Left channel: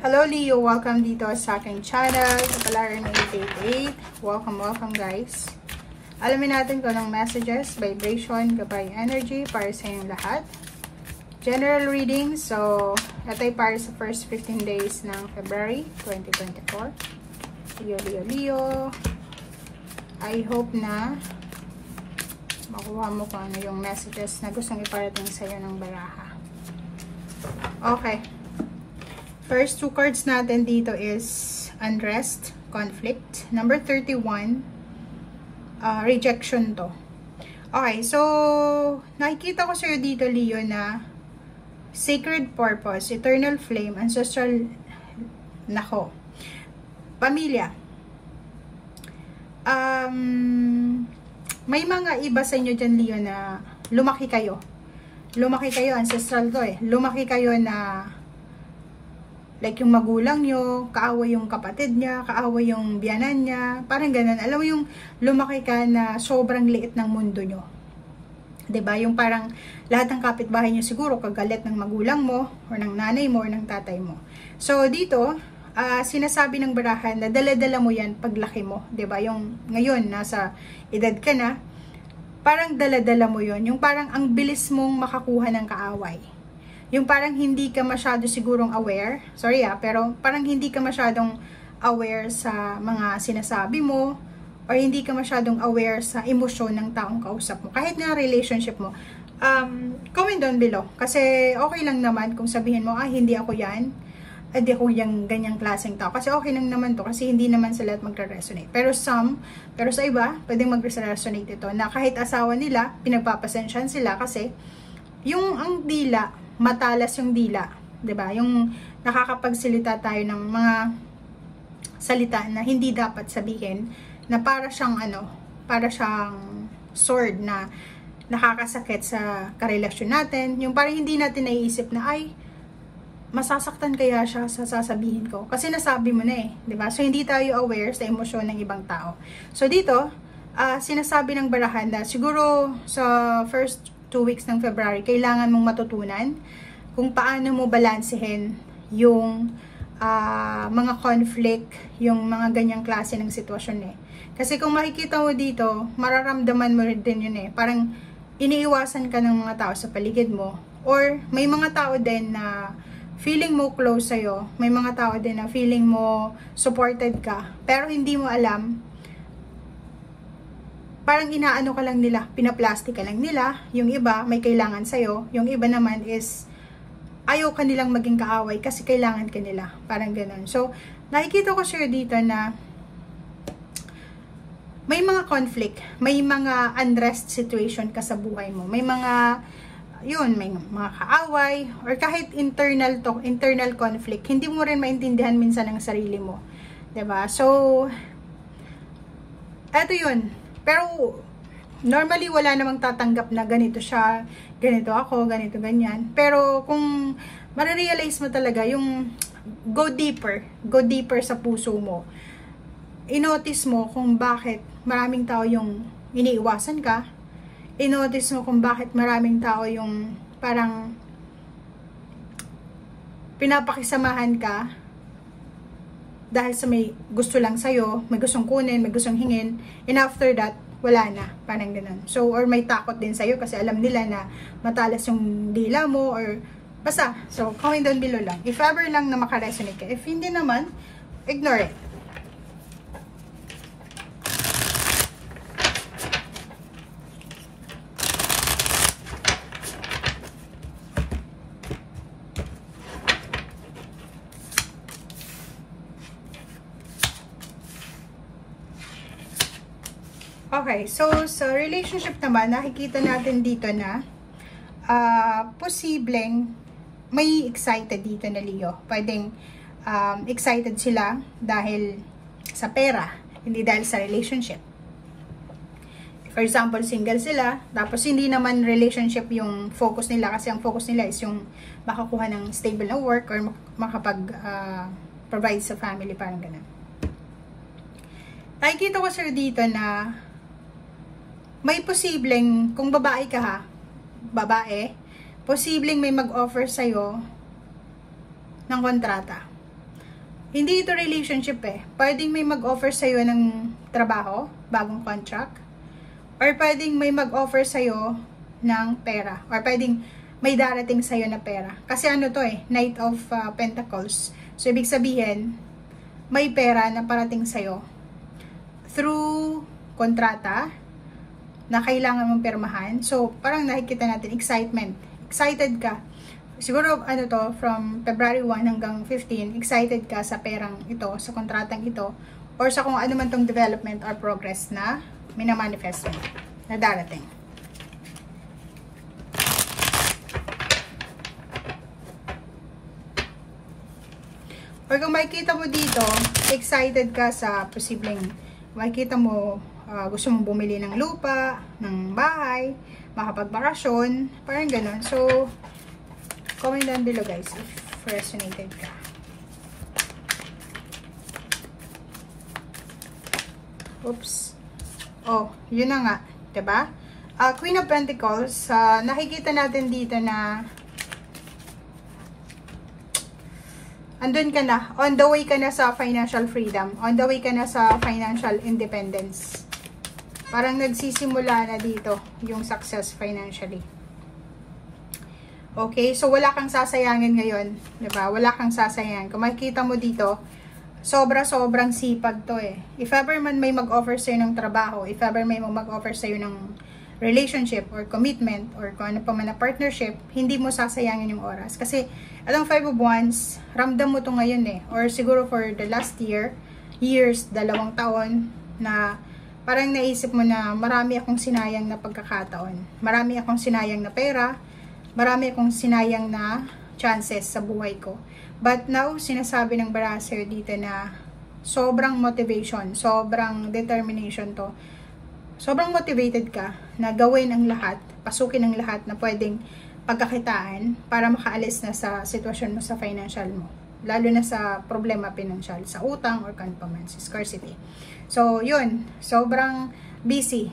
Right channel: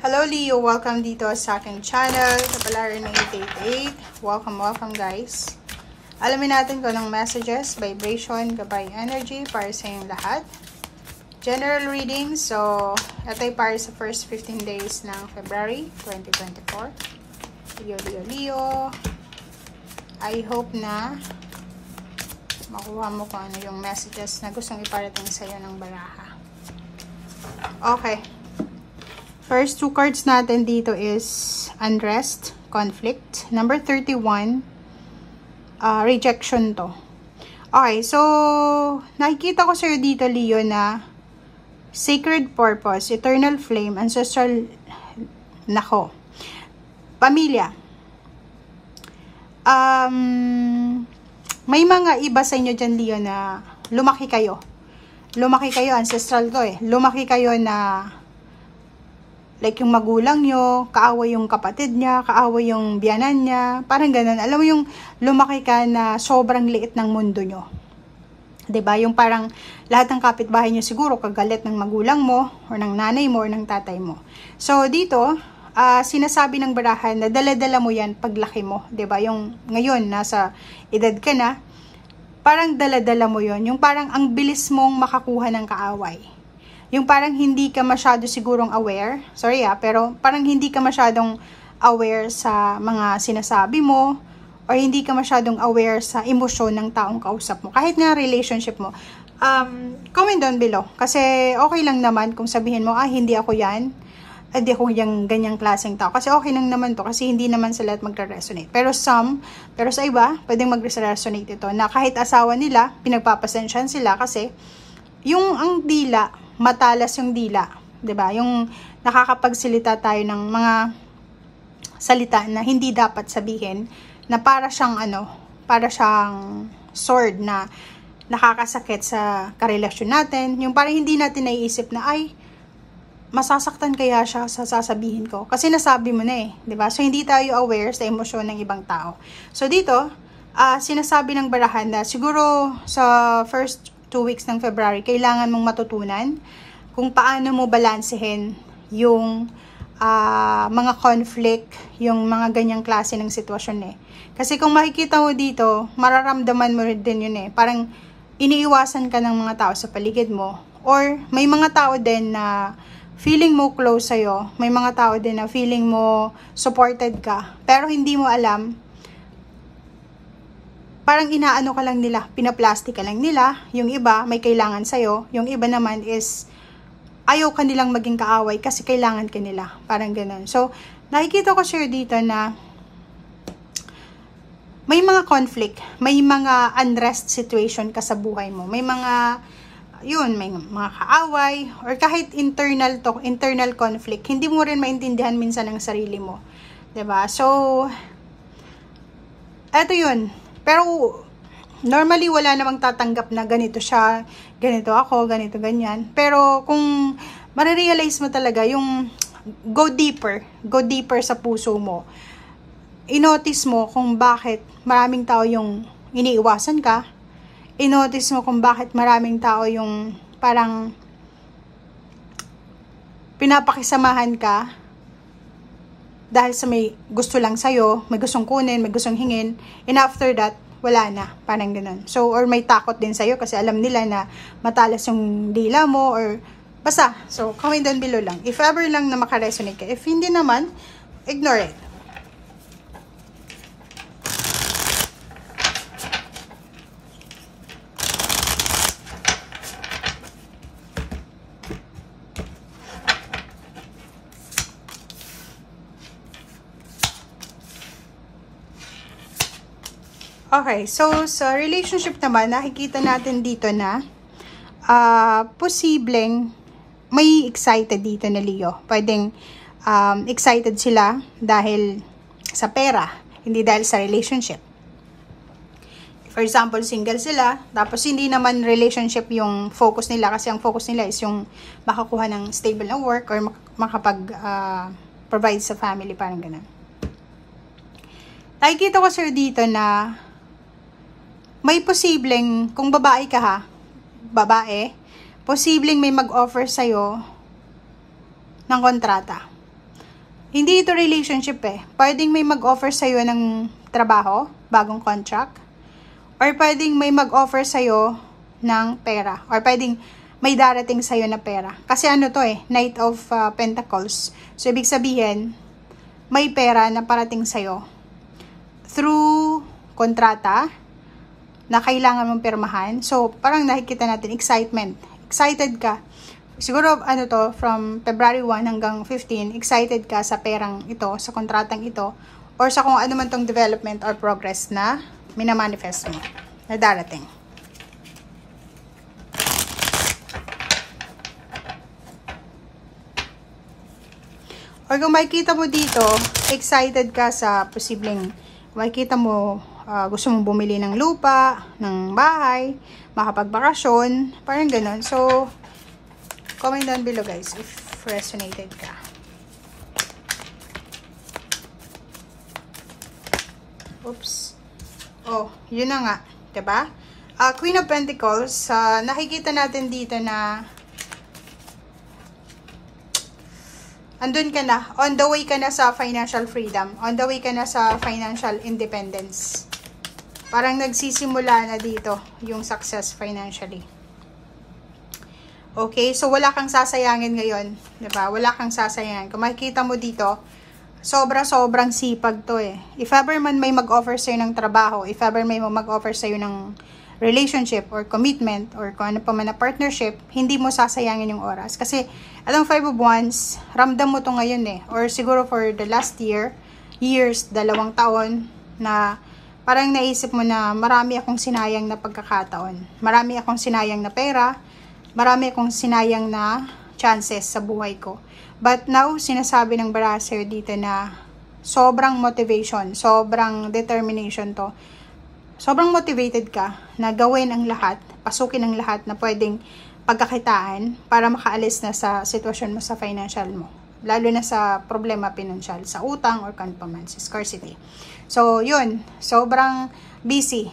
Hello Leo, welcome dito sa aking channel. Kapalaran ng 888. Welcome guys. Alamin natin kung anong messages, vibration, gabay energy para sa inyong lahat. General reading, so ito ay para sa first 15 days ng February 2024. Leo. I hope na makuha mo kung ano yung messages na gustong iparating sa iyo ng baraha. Okay. First two cards natin dito is unrest, conflict. Number 31, rejection to. Okay, so nakikita ko sa'yo dito, Leo, na sacred purpose, eternal flame, ancestral, nako, pamilya. May mga iba sa inyo dyan, Leo, na lumaki kayo. Lumaki kayo, ancestral to eh. Lumaki kayo na like yung magulang nyo, kaaway yung kapatid niya, kaaway yung biyanan niya, parang ganun. Alam mo yung lumaki ka na sobrang liit ng mundo nyo. 'Di ba? Yung parang lahat ng kapitbahay nyo siguro kagalit ng magulang mo, or ng nanay mo, or ng tatay mo. So dito, sinasabi ng barahan na dala-dala mo yan paglaki mo. 'Di ba? Yung ngayon, nasa edad ka na, parang dala-dala mo yon. Yung parang ang bilis mong makakuha ng kaaway. Yung parang hindi ka masyado sigurong aware, sorry pero parang hindi ka masyadong aware sa mga sinasabi mo, or hindi ka masyadong aware sa emosyon ng taong kausap mo. Kahit nga relationship mo, comment down below. Kasi okay lang naman kung sabihin mo, hindi ako yan, hindi ako yung ganyang klaseng tao. Kasi okay lang naman to, kasi hindi naman sa lahat magre-resonate. Pero sa iba, pwedeng mag-resonate ito, na kahit asawa nila, pinagpapasensyahan sila kasi yung ang dila, matalas yung dila, 'di ba? Yung nakakapagsalita tayo ng mga salita na hindi dapat sabihin, na para siyang sword na nakakasakit sa karelasyon natin. Yung parang hindi natin naiisip na masasaktan kaya siya sa sasabihin ko kasi nasabi mo na 'di ba? So hindi tayo aware sa emosyon ng ibang tao. So dito, sinasabi ng barahan na siguro sa first 2 weeks ng February, kailangan mong matutunan kung paano mo balansehin yung mga conflict, yung mga ganyang klase ng sitwasyon eh. Kasi kung makikita mo dito, mararamdaman mo din yun eh. Parang iniiwasan ka ng mga tao sa paligid mo. Or may mga tao din na feeling mo close sa'yo. May mga tao din na feeling mo supported ka. Pero hindi mo alam, parang inaano ka lang nila, pinaplastic ka lang nila. Yung iba, may kailangan sa'yo. Yung iba naman is, ayaw ka nilang maging kaaway kasi kailangan ka nila. Parang ganun. So, nakikita ko sir dito na may mga conflict, may mga unrest situation ka sa buhay mo. May mga, may mga kaaway, or kahit internal conflict. Hindi mo rin maintindihan minsan ang sarili mo. 'Di ba? So, eto yun. Pero, normally, wala namang tatanggap na ganito siya, ganito ako, ganito, ganyan. Pero, kung marirealize mo talaga yung go deeper sa puso mo, inotice mo kung bakit maraming tao yung iniiwasan ka, inotice mo kung bakit maraming tao yung parang pinapakisamahan ka, dahil sa may gusto lang sa'yo, may gustong kunin, may gustong hingin, and after that, wala na, parang ganun. So, or may takot din sa'yo kasi alam nila na matalas yung dila mo, or basta. So, comment down below lang. If ever lang na makaresonate ka. If hindi naman, ignore it. Okay, so sa relationship naman, nakikita natin dito na posibleng may excited dito na Leo. Pwedeng excited sila dahil sa pera, hindi dahil sa relationship. For example, single sila, tapos hindi naman relationship yung focus nila, kasi ang focus nila is yung makakuha ng stable na work or makapag-provide sa family, parang ganun. Nakikita ko sir dito na may posibleng, kung babae ka posibleng may mag-offer sa'yo ng kontrata. Hindi ito relationship eh. Pwedeng may mag-offer sa'yo ng trabaho, bagong contract. Or pwedeng may mag-offer sa'yo ng pera. Or pwedeng may darating sa'yo na pera. Kasi ano to eh, Knight of Pentacles. So, ibig sabihin, may pera na parating sa'yo through kontrata na kailangan mong pirmahan. So, parang nakikita natin, excitement. Excited ka. Siguro, ano to, from February 1 hanggang 15, excited ka sa perang ito, sa kontratang ito, or sa kung ano man tong development or progress na minamanifest mo, na darating. Or kung makikita mo dito, excited ka sa posibleng, makikita mo, gusto mong bumili ng lupa, ng bahay, makapagbakasyon, parang ganun. So, comment down below guys if resonated ka. Oops. Oh, yun na nga. Diba? Queen of Pentacles, nakikita natin dito na andun ka na. On the way ka na sa financial freedom. On the way ka na sa financial independence. Parang nagsisimula na dito yung success financially. Okay, so wala kang sasayangin ngayon, 'di ba? Wala kang sasayangin. Kung makikita mo dito, sobra-sobrang sipag 'to eh. If ever man may mag-offer sa ng trabaho, if ever may mag-offer sa ng relationship or commitment or kung ano pa man na partnership, hindi mo sasayangin yung oras. Kasi itong 5 of Wands, ramdam mo 'to ngayon eh. Or siguro for the last years, 2 taon na parang naisip mo na marami akong sinayang na pagkakataon. Marami akong sinayang na pera. Marami akong sinayang na chances sa buhay ko. But now, sinasabi ng Barasser dito na sobrang motivation, sobrang determination to. Sobrang motivated ka na gawin ang lahat, pasukin ang lahat na pwedeng pagkakitaan para makaalis na sa sitwasyon mo sa financial mo. Lalo na sa problema pinansyal, sa utang or kan pa man, sa scarcity. So, yun. Sobrang busy,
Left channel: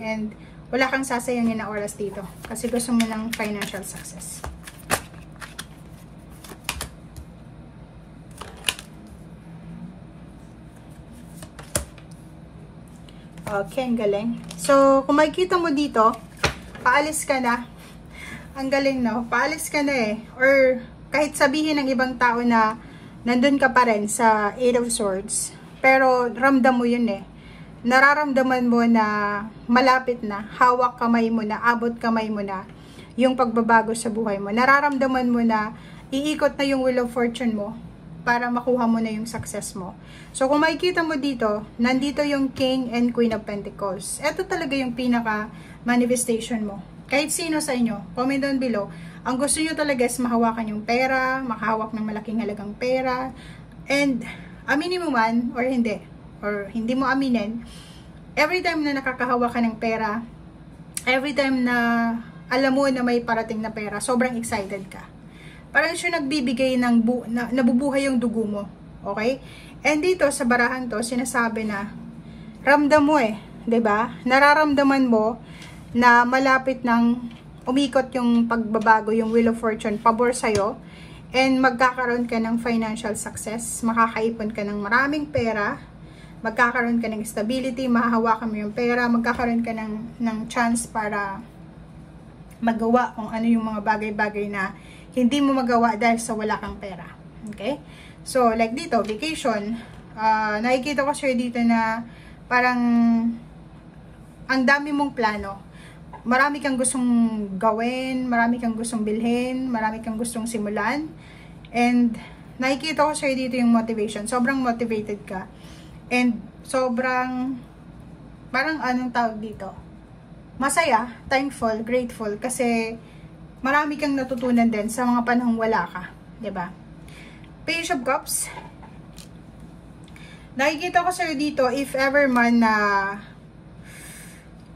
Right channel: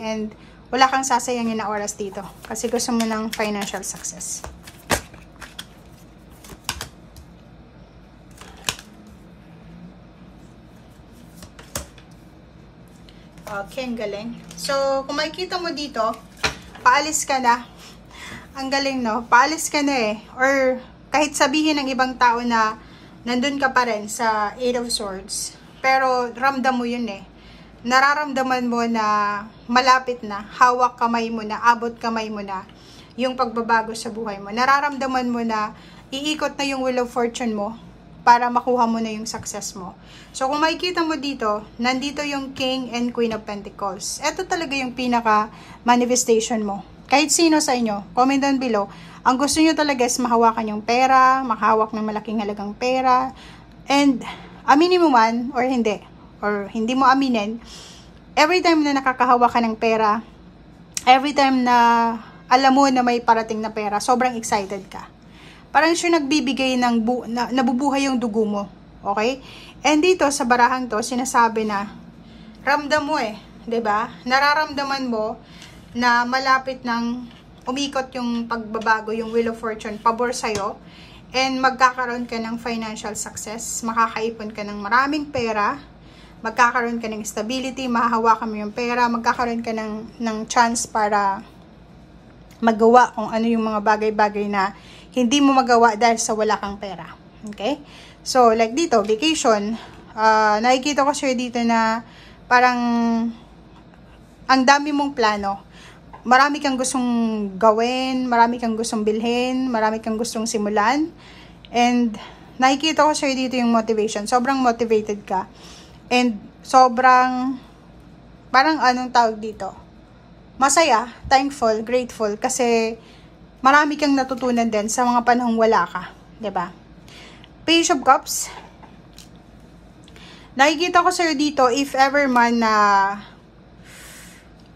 and wala kang sasayangin na oras dito kasi gusto mo ng financial success. Okay, ang galing. So, kung makikita mo dito, paalis ka na. Ang galing, no? Paalis ka na eh. Or kahit sabihin ng ibang tao na nandun ka pa rin sa 8 of Swords, pero ramdam mo yun eh. Nararamdaman mo na malapit na, hawak kamay mo na, abot kamay mo na yung pagbabago sa buhay mo. Nararamdaman mo na iikot na yung Wheel of Fortune mo para makuha mo na yung success mo. So, kung makikita mo dito, nandito yung King and Queen of Pentacles. Ito talaga yung pinaka manifestation mo. Kahit sino sa inyo, comment down below. Ang gusto nyo talaga is mahawakan yung pera, makahawak ng malaking halagang pera, and aminin mo man or hindi mo aminin, every time na nakakahawa ka ng pera, every time na alam mo na may parating na pera, sobrang excited ka. Parang siya nagbibigay ng nabubuhay yung dugo mo. Okay? And dito sa barahang to, sinasabi na ramdam mo eh, 'di ba? Nararamdaman mo na malapit nang umikot yung pagbabago, yung Wheel of Fortune pabor sa'yo, and magkakaroon ka ng financial success, makakaipon ka ng maraming pera, magkakaroon ka ng stability, mahahawakan mo yung pera, magkakaroon ka ng chance para magawa kung ano yung mga bagay-bagay na hindi mo magawa dahil sa wala kang pera. Okay? So, like dito, vacation, nakikita ko siya dito na parang ang dami mong plano. Marami kang gustong gawin, marami kang gustong bilhin, marami kang gustong simulan. And nakikita ko siya dito yung motivation. Sobrang motivated ka. And sobrang, parang anong tawag dito? Masaya, thankful, grateful. Kasi marami kang natutunan din sa mga panahong wala ka. 'Di ba? Page of Cups. Nakikita ko sa'yo dito, if ever man na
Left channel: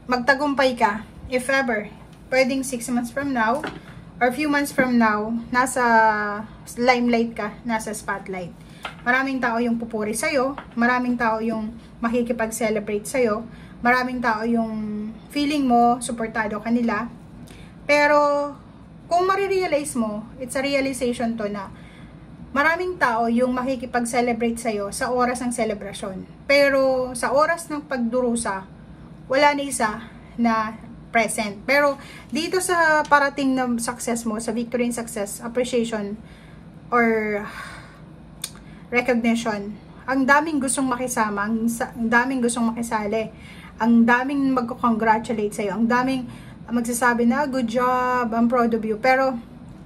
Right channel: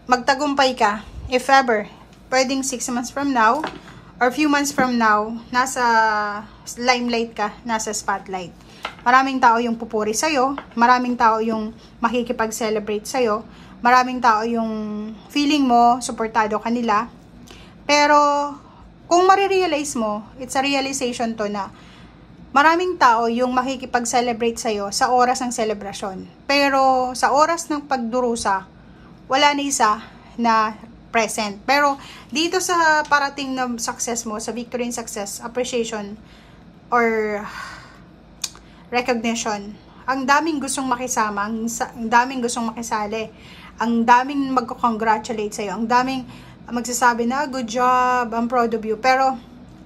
magtagumpay ka, if ever, pwedeng 6 months from now, or few months from now, nasa limelight ka, nasa spotlight. Maraming tao yung pupuri sa'yo, maraming tao yung makikipag-celebrate sa'yo, maraming tao yung feeling mo, suportado kanila. Pero, kung marirealize mo, it's a realization to na maraming tao yung makikipag-celebrate sa'yo sa oras ng selebrasyon. Pero sa oras ng pagdurusa, wala na isa na present. Pero dito sa parating na success mo, sa victory and success, appreciation, or recognition, ang daming gustong makisama, ang daming gustong makisali, ang daming magko-congratulate sa'yo, ang daming magsasabi na, good job, I'm proud of you. Pero,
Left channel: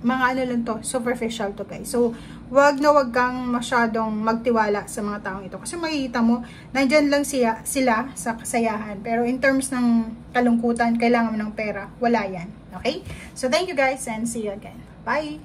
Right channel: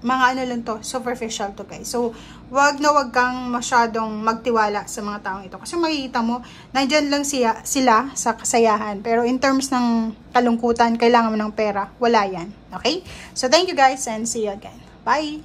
mga ano lang to, superficial to guys. So, wag kang masyadong magtiwala sa mga taong ito. Kasi makikita mo, nandyan lang sila sa kasayahan. Pero in terms ng kalungkutan, kailangan mo ng pera, wala yan. Okay? So, thank you guys and see you again. Bye!